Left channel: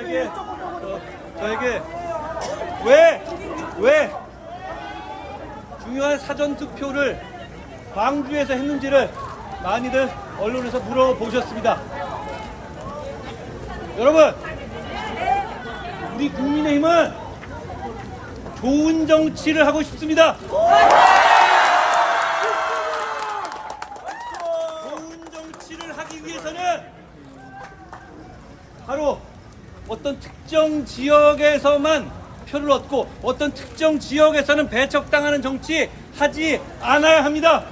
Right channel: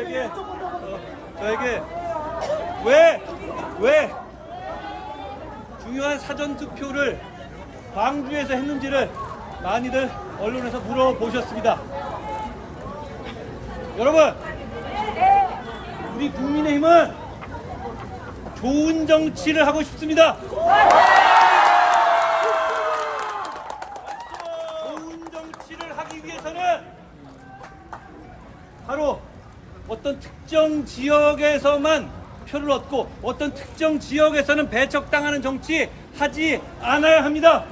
저에게 어, 저에게 왜 왜 중요한 사전 투표를 광주에서 했는지를 많이들 언론에서 물어보셨습니다. 여러분, 우리 국민의힘은 좋은 정치를 하고 싶습니다. 좋은 정치를 하기 위해서는 바로 어떤 특정 지역에서만 표를 얻고 어떤 특정 지역에서는 배척당하는 정치 하지 않아야 합니다.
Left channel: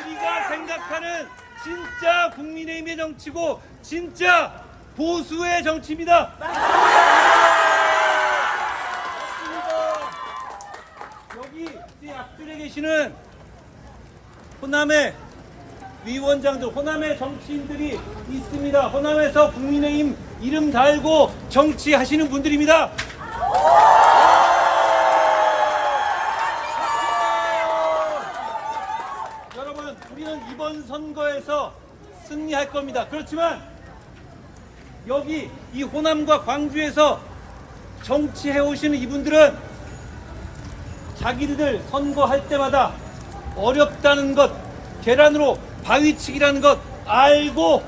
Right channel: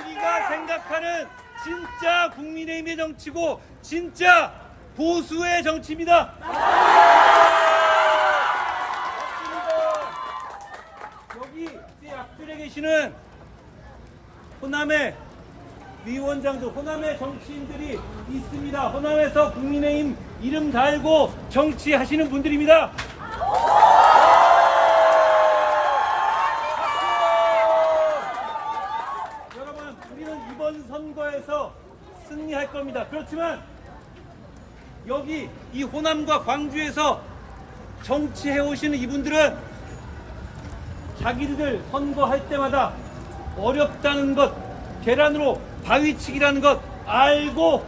우리가 생각하는 진짜 국민의힘의 정치고 진짜 보수의 정치입니다. 여기 이 앞줄에 계시는 호남의 위 원장들, 호남의 정치인들이 있습니다. 호남에서 국민의힘 이름 달고 정치하시는 분들입니다. 여러분, 우리는 이번 선거에서 승리할 겁니다. 그렇지만 여기 이 호남과 광주에서 정치해 오시는 이분들은 자기들 선거할 때마다 어렵다는 것, 계란으로 바위치기라는 것 알고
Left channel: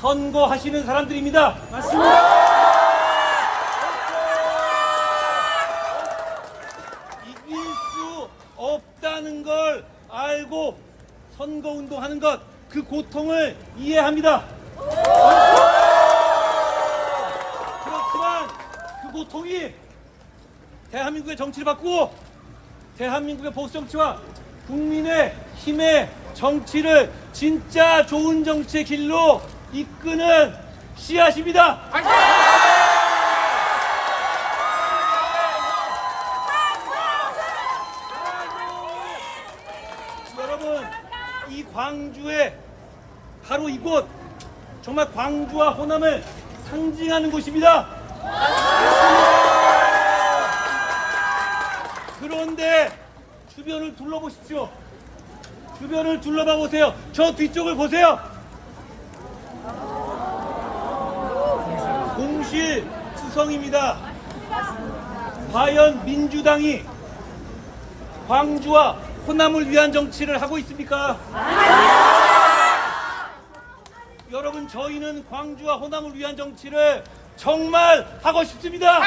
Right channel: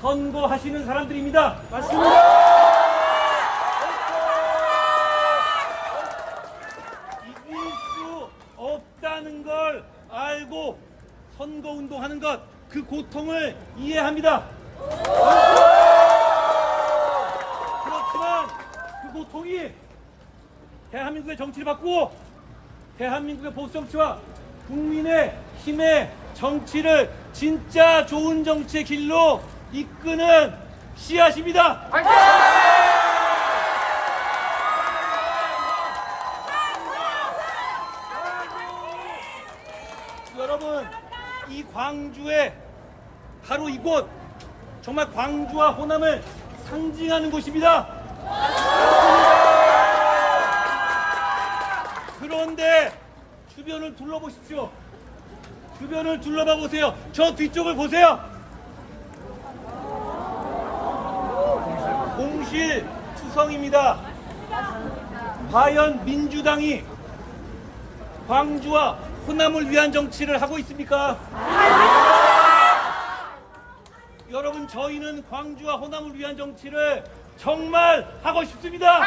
선거하시는 사람들입니다. 이길 수 없다는 걸 알고 선거 운동하는 것, 그 고통을 이해합니다. 그렇지만 그 고통이 대한민국의 정치를 바꾸고 대한민국의 보수 정치와 국민의 힘의 정치를 진짜 좋은 정치의 길로 이끄는 씨앗입니다. 여러분, 이 광주에 바로 이곳 정말 광주와 호남을 상징하는 곳입니다. 그런데 주변을 둘러보십시오. 주변을 둘러봐 보세요. 저 뒤쪽을 보세요. 공실 투성입니다. 과연 민주당이 광주와 호남을 위한 정치를 하고 있습니까? 여러분 저희는 광주와 호남을 위한 정치를 정말 하고 싶습니다.